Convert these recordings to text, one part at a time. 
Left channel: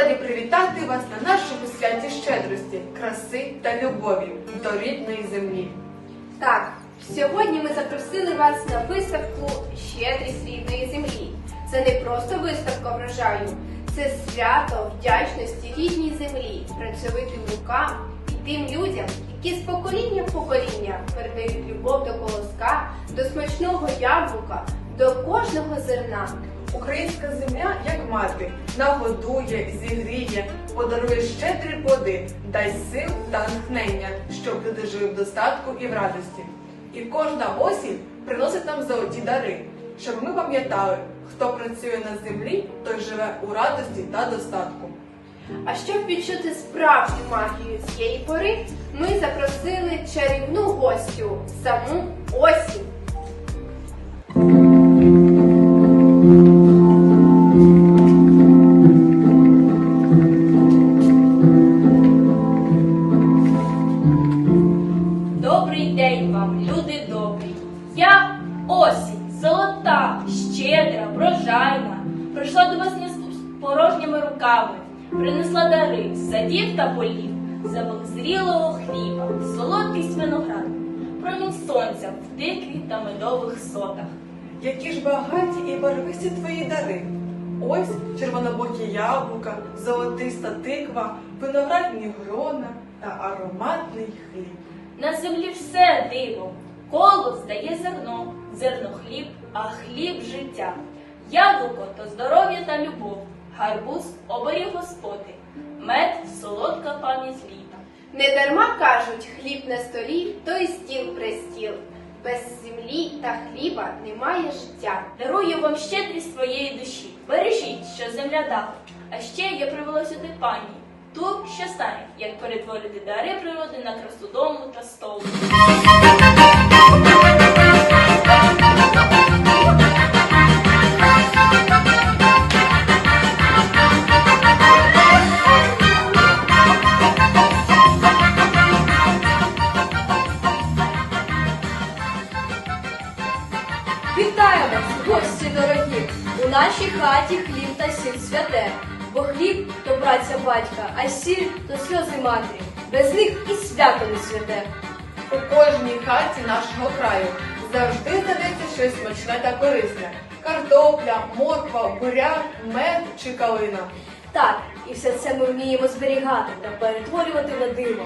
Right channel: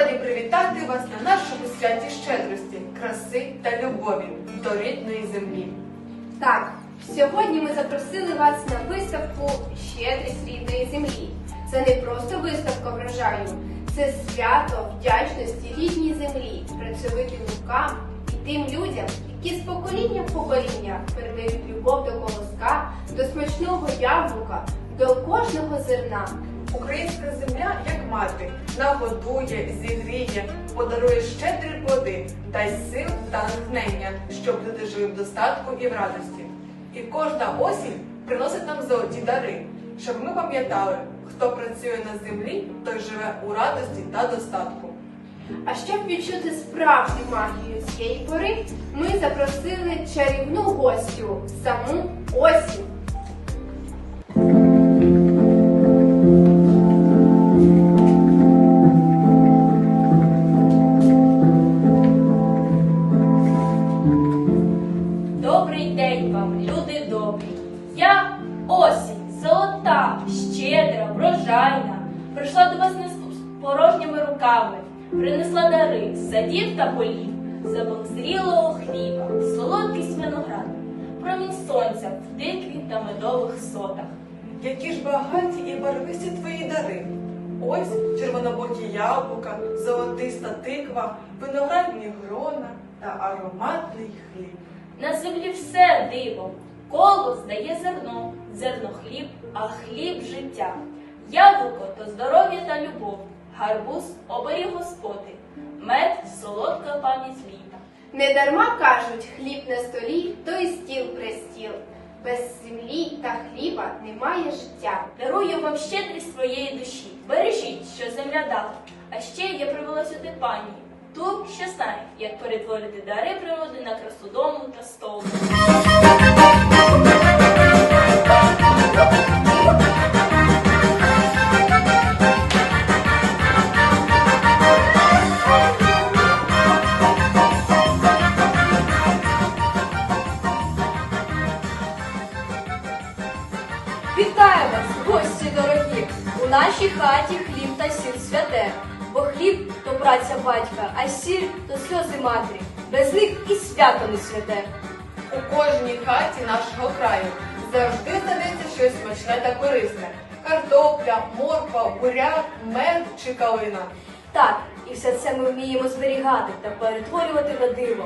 раді привітати вас на нашому святі щедрості, краси та любові до рідної землі. Так, сьогодні ми запросили вас на виставку Щедрість рідної землі. Це не просто виставка врожаю, це свято вдячності рідній землі, працьовитим рукам і тим людям, які з покоління в покоління передають любов до колоска, до смачного яблука, до кожного зерна. Українська земля, як мати, нагодує, зігріє, подарує щедрі плоди, дасть сил та натхнення, щоб люди жили в достатку і в радості. І кожна осінь приносить нам золоті дари, щоб ми пам'ятали, хто працює на землі, той живе у радості та достатку. А щоб відчути справжню магію цієї пори, ми запросили чарівну гостю саму осінь. Добрий день вам, люди добрі. Я осінь, золота, щедра, врожайна. Прийшла до вас з порожніми руками, принесла дари садів та полів, замок хліба, солодкість виноград, промінь сонця в тикві та медових сотах. Які ж багаті і барвисті твої дари. Ось червонобокі яблука, золотиста тиква, виноградні грона та ароматний хліб. На землі все диво. Колос дає зерно, зерно хліб, а хліб життя. Яблуко то здоров'я та любов, гарбуз оберіг господи, мед солодка пам'ять літа. Недарма кажуть, хліб на столі, то й стіл престіл. Без землі та хліба немає життя. Дарую вам щедрість своєї душі. Бережіть, що земля дала. А ще я привела сюди пані, ту, що знає, як перетворити дари природи на красу дому та столу. Вітаю вас, гості дорогі! У нашій хаті хліб та сіль святе, бо хліб то праця батька, а сіль то сльози матері. Без них і свято не святе. У кожній хаті нашого краю завжди знайдеться щось смачне та корисне. Картопля, морква, буряк, мед чи калина. Так, і все це ми вміємо зберігати та перетворювати на диво.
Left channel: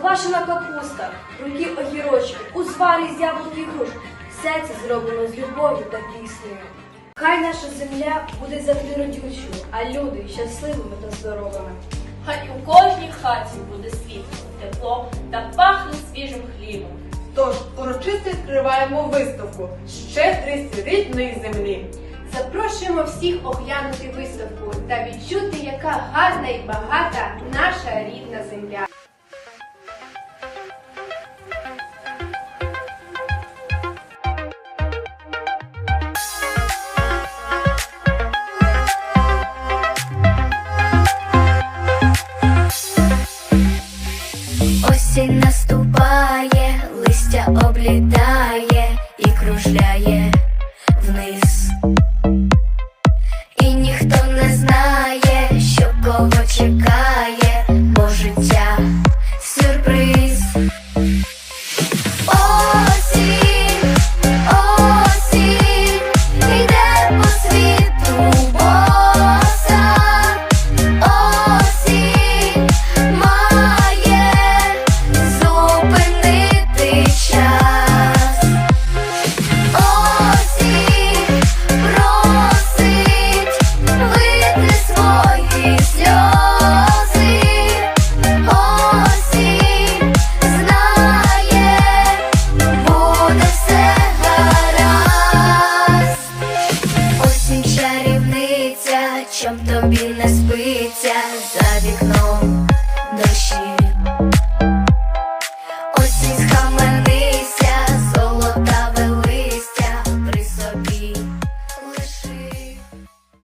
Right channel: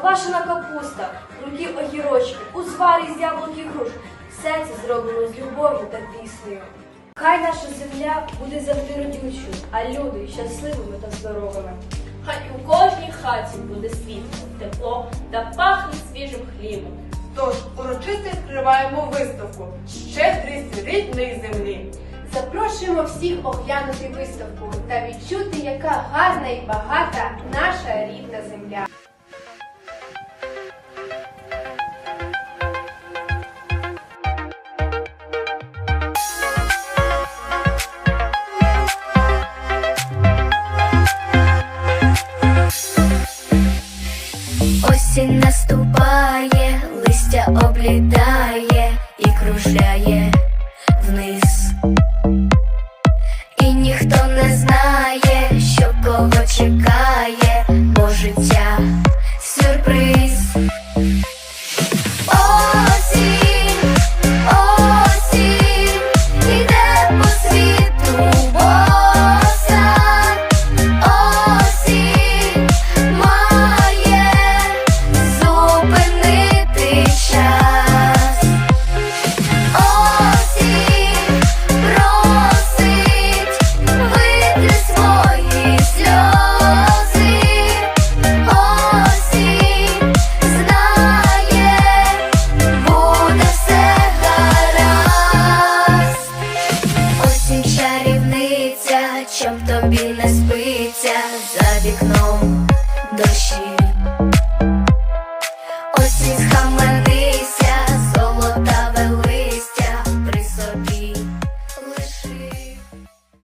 Квашена капуста, рулі огірочки, узвари з яблук і груш. Все це зроблено з любов'ю та піснею. Хай наша земля буде завжди родючою, а люди щасливими та здоровими. Хай у кожній хаті буде світло, тепло та пахне свіжим хлібом. Тож урочисто відкриваємо виставку Щедрість рідної землі. Запрошуємо всіх оглянути виставку та відчути, яка гарна і багата наша рідна земля. Облітає і кружляє тобі не спиться за вікном.